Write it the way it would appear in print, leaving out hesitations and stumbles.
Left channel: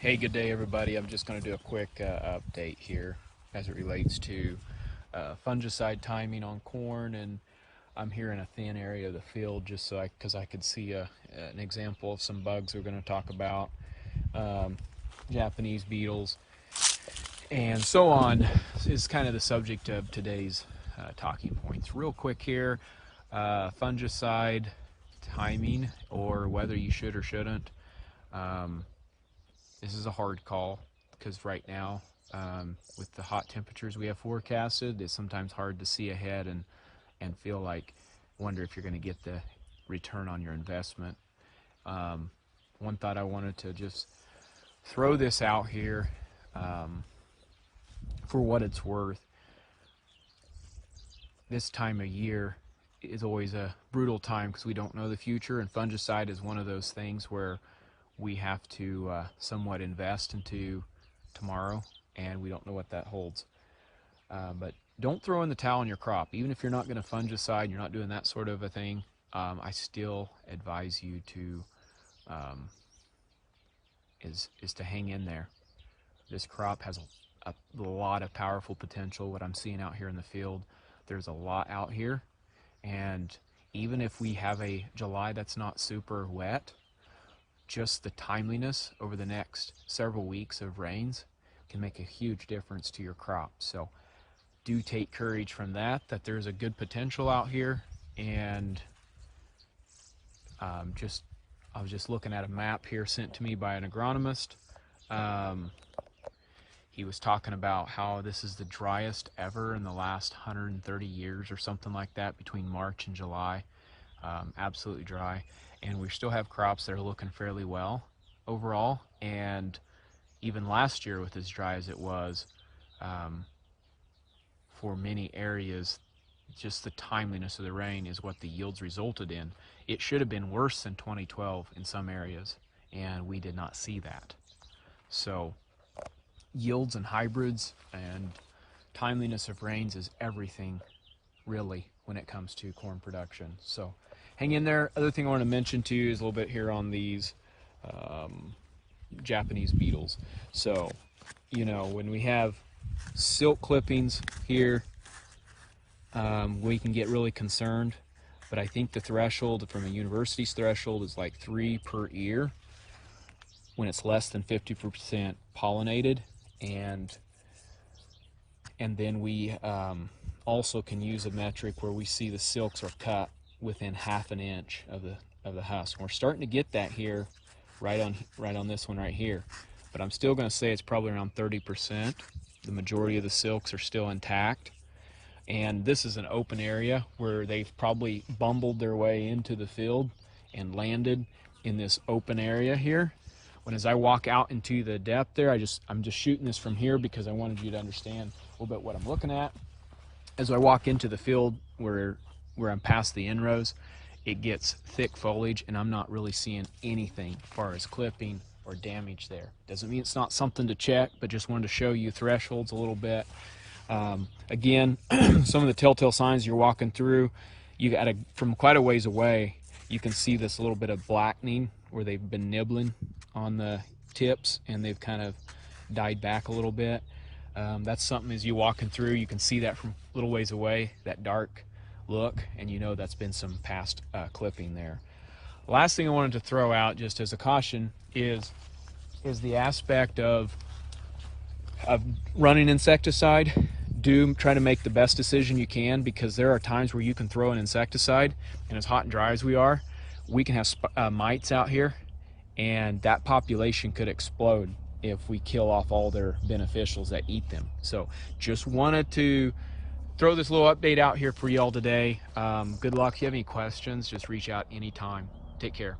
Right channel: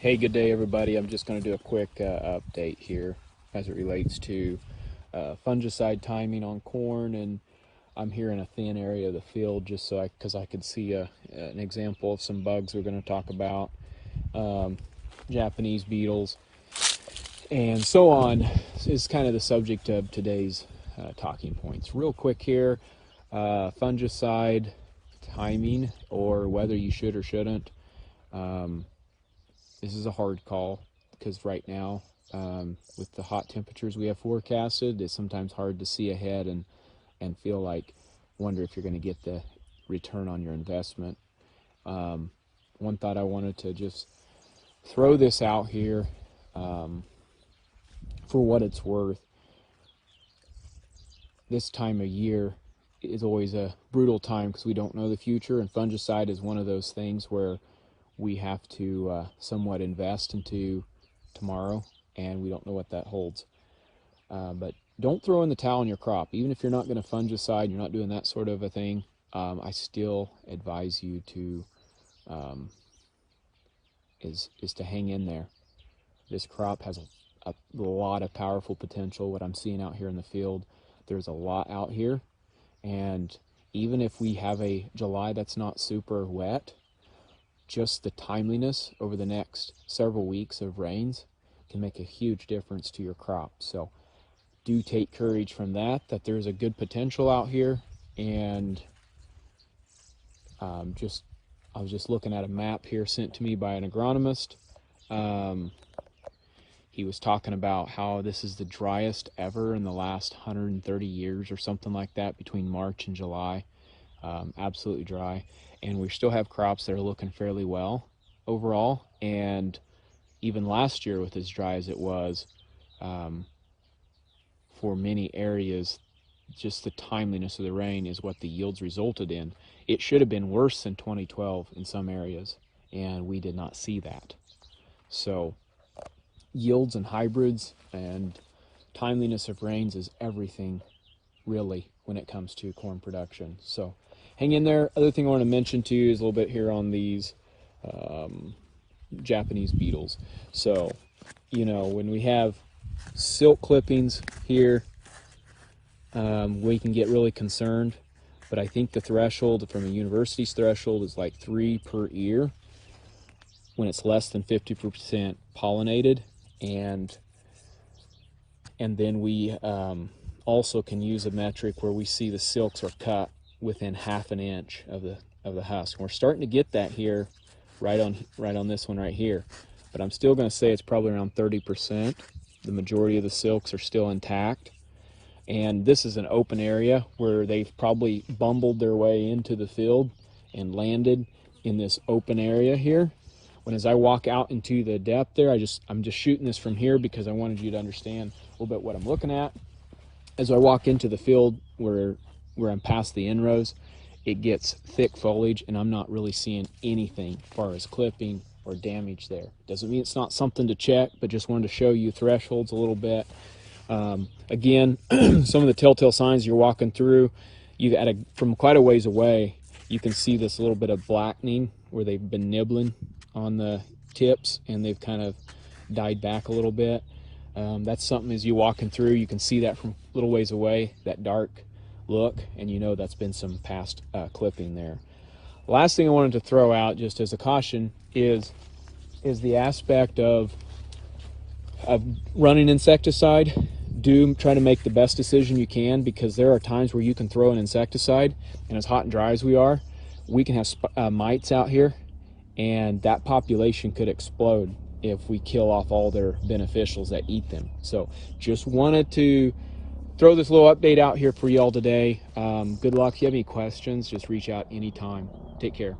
Hey, good day everybody. I'm just going to do a quick update here as it relates to fungicide timing on corn, and I'm here in a thin area of the field just so because I could see an example of some bugs we're going to talk about, um, Japanese beetles, and so on is kind of the subject of today's talking points. Real quick here, fungicide timing or whether you should or shouldn't. Um, This is a hard call because right now, with the hot temperatures we have forecasted, it's sometimes hard to see ahead and feel like, wonder if you're going to get the return on your investment. One thought I wanted to just throw this out here, for what it's worth. This time of year is always a brutal time because we don't know the future, and fungicide is one of those things where we have to somewhat invest into tomorrow, and we don't know what that holds. But don't throw in the towel on your crop. Even if you're not going to fungicide, you're not doing that sort of a thing, I still advise you to is to hang in there. This crop has a lot of powerful potential. What I'm seeing out here in the field, there's a lot out here, and even if we have a July that's not super wet, just the timeliness over the next several weeks of rains can make a huge difference to your crop. So do take courage from that there's a good potential out here. And I was just looking at a map here sent to me by an agronomist. He was talking about how this is the driest ever in the last 130 years or something like that, between March and July. Absolutely dry, and we still have crops that are looking fairly well overall. And even last year, with as dry as it was, for many areas, just the timeliness of the rain is what the yields resulted in. It should have been worse than 2012 in some areas, and we did not see that. So yields and hybrids and timeliness of rains is everything, really, when it comes to corn production. So hang in there. Other thing I want to mention to you is a little bit here on these Japanese beetles. So, when we have silk clippings here, we can get really concerned. But I think the threshold from a university's threshold is like 3 per ear when it's less than 50% pollinated. And then we also can use a metric where we see the silks are cut within ½ an inch of the husk. We're starting to get that here, right on this one right here, but I'm still going to say it's probably around 30%. The majority of the silks are still intact, and this is an open area where they've probably bumbled their way into the field and landed in this open area here. When as I walk out into the depth there, I'm just shooting this from here because I wanted you to understand a little bit what I'm looking at. As I walk into the field where I'm past the inrows, it gets thick foliage, and I'm not really seeing anything as far as clipping or damage there. Doesn't mean it's not something to check, but just wanted to show you thresholds a little bit. Again, some of the telltale signs you're walking through, from quite a ways away, you can see this little bit of blackening where they've been nibbling on the tips and they've kind of died back a little bit. That's something, as you walking through, you can see that from a little ways away, that dark look, and that's been some past clipping there. Last thing I wanted to throw out, just as a caution, is the aspect of running insecticide. Do try to make the best decision you can, because there are times where you can throw an insecticide, and as hot and dry as we are, we can have mites out here, and that population could explode if we kill off all their beneficials that eat them. So just wanted to throw this little update out here for y'all today. Good luck. If you have any questions, just reach out anytime. Take care.